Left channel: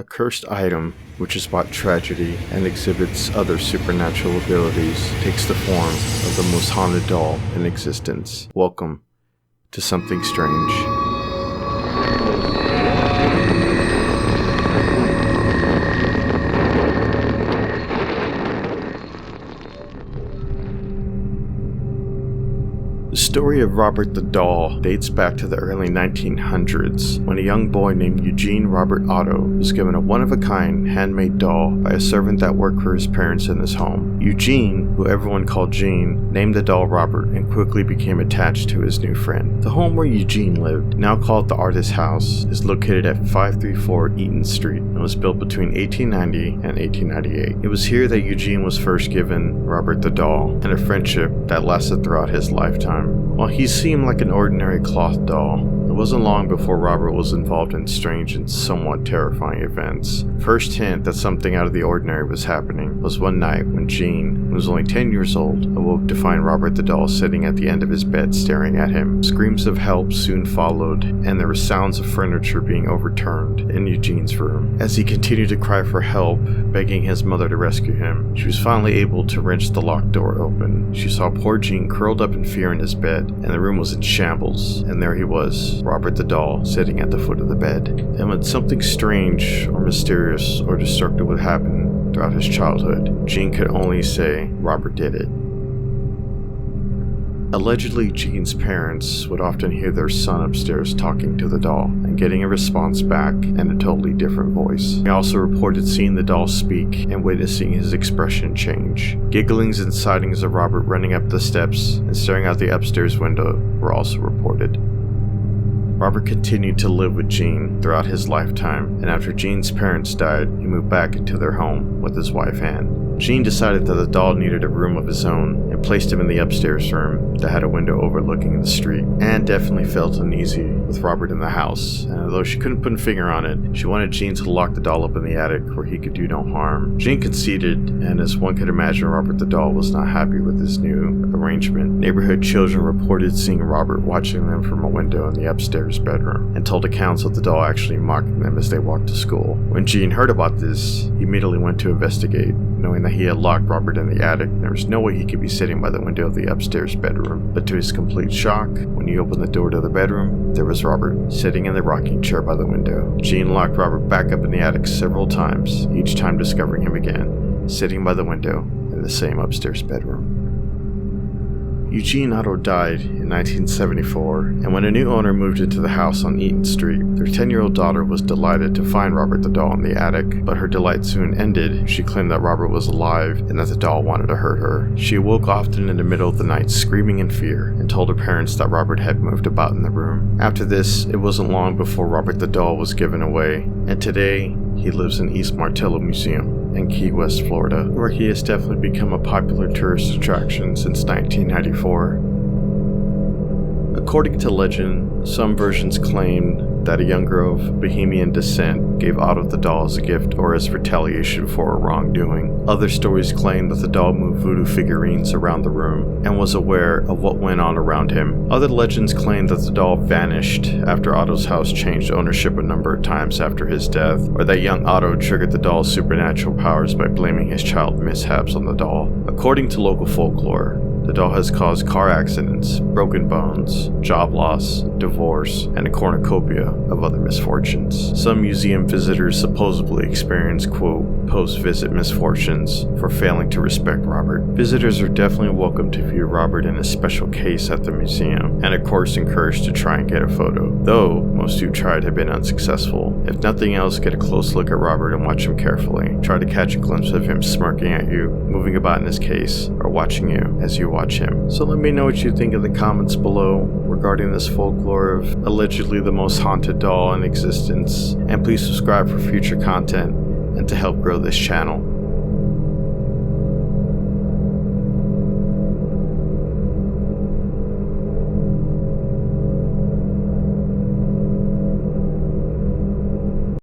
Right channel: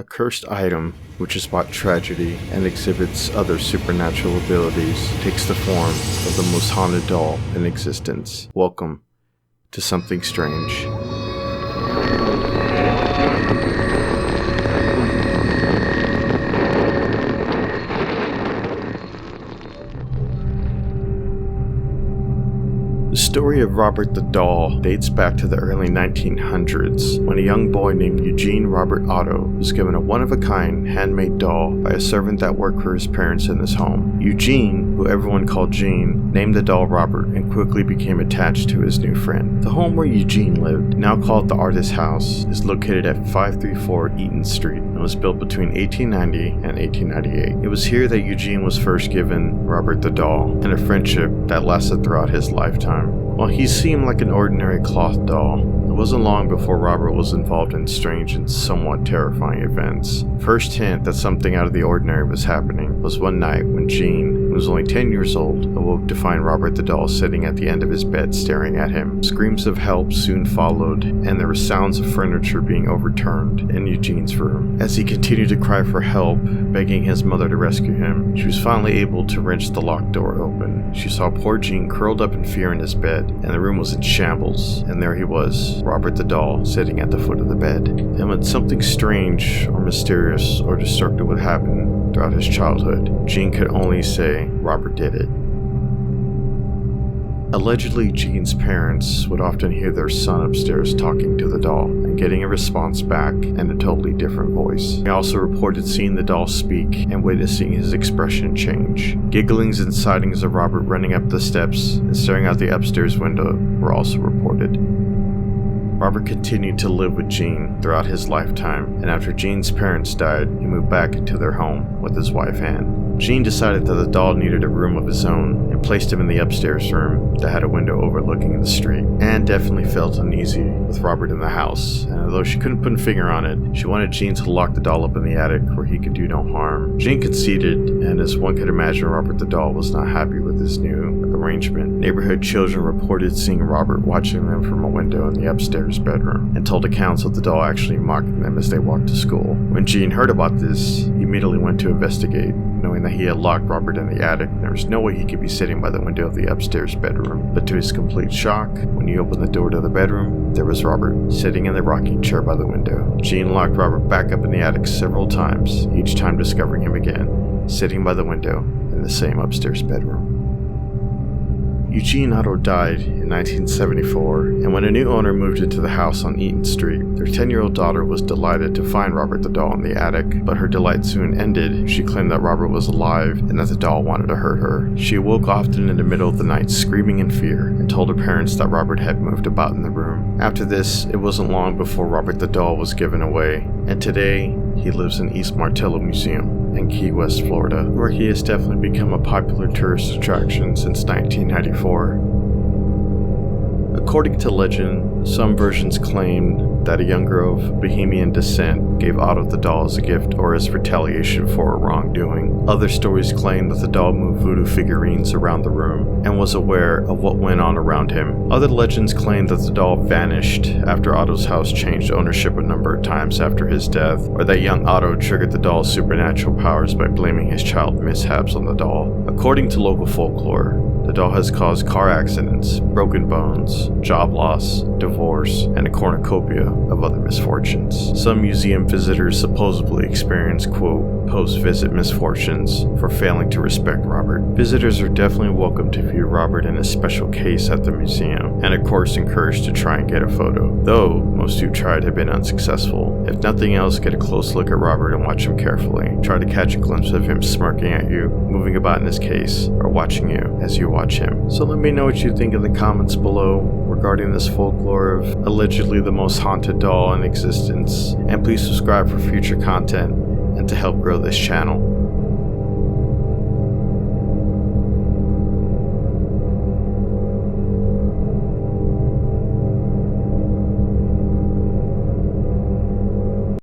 A cursed item, which has brought tragedy and exhibits other supernatural abilities, takes the form of the most haunted doll in existence. Welcome to Something Strange. The story of Robert the Doll dates back to the early 1900s, when a young boy named Eugene Robert Otto was given a one-of-a-kind handmade doll by a servant that worked for his parents in his home. Eugene, who everyone called Gene, named the doll Robert and quickly became attached to his new friend. The home where Eugene lived, now called the Artist House, is located at 534 Eaton Street and was built between 1890 and 1898. It was here that Eugene was first given Robert the doll, and a friendship that lasted throughout his lifetime. While he seemed like an ordinary cloth doll, it wasn't long before Robert was involved in strange and somewhat terrifying events. First hint that something out of the ordinary was happening was one night when Gene, who was only 10 years old, awoke to find Robert the doll sitting at the end of his bed staring at him. Screams of help soon followed, and there were sounds of furniture being overturned in Eugene's room. As he continued to cry for help, begging his mother to rescue him, she was finally able to wrench the locked door open. She saw poor Gene curled up in fear in his bed, and the room was in shambles, and there he was, Robert the doll, sitting at the foot of the bed. And when something strange or mysterious or destructive would happen throughout his childhood, Gene could only say Robert did it. Allegedly, Gene's parents would often hear their son upstairs talking to the doll and getting a response back in a totally different voice. They also reported seeing the doll speak and witnessing his expression change. Gigglings and sightings of Robert running up the steps and staring out the upstairs window were also reported. Robert continued to live with Gene throughout his lifetime, and after Gene's parents died, he moved back into their home with his wife Anne. Gene decided that the doll needed a room of his own and placed him in the upstairs room that had a window overlooking the street. Anne definitely felt uneasy with Robert in the house, and although she couldn't put a finger on it, she wanted Gene to lock the doll up in the attic where he could do no harm. Gene conceded, and as one could imagine, Robert the doll was not happy with this new arrangement. Neighborhood children reported seeing Robert watching them from a window in the upstairs bedroom, and told accounts of the doll actually mocking them as they walked to school. When Gene heard about this, he immediately went to investigate, knowing that he had locked Robert in the attic. There was no way he could be sitting by the window of the upstairs bedroom. But to his complete shock, when he opened the door to the bedroom, there was Robert, sitting in the rocking chair by the window. Gene locked Robert back up in the attic several times, each time discovering him again, sitting by the window in the same upstairs bedroom. Eugene Otto died in 1974, and when a new owner moved into the house on Eaton Street, their 10-year-old daughter was delighted to find Robert the doll in the attic, but her delight soon ended. She claimed that Robert was alive and that the doll wanted to hurt her. She awoke often in the middle of the night screaming in fear and told her parents that Robert had moved about in the room. After this, it wasn't long before Robert the doll was given away, and today he lives in East Martello Museum in Key West, Florida, where he has definitely become a popular tourist attraction since 1994. According to legend, some versions claim that a young girl of Bohemian descent gave Otto the doll as a gift or as retaliation for a wrongdoing. Other stories claim that the doll moved voodoo figurines around the room and was aware of what went on around him. Other legends claim that the doll vanished after Otto's house changed ownership a number of times after his death, or that young Otto triggered the doll's supernatural powers by blaming his child mishaps on the doll. According to local folklore, the doll has caused car accidents, broken bones, job loss, divorce, and a cornucopia of other misfortunes. Some museum visitors supposedly experience, quote, post-visit misfortunes for failing to respect Robert. Visitors are definitely welcome to view Robert in a special case at the museum, and of course encouraged to try and get a photo, though most who tried have been unsuccessful. If nothing else, get a close look at Robert and watch him carefully. Try to catch a glimpse of him smirking at you, moving about in his case, or watching you as you watch him. So let me know what you think in the comments below regarding this folklore of allegedly the most haunted doll in existence, and please subscribe for future content and to help grow this channel.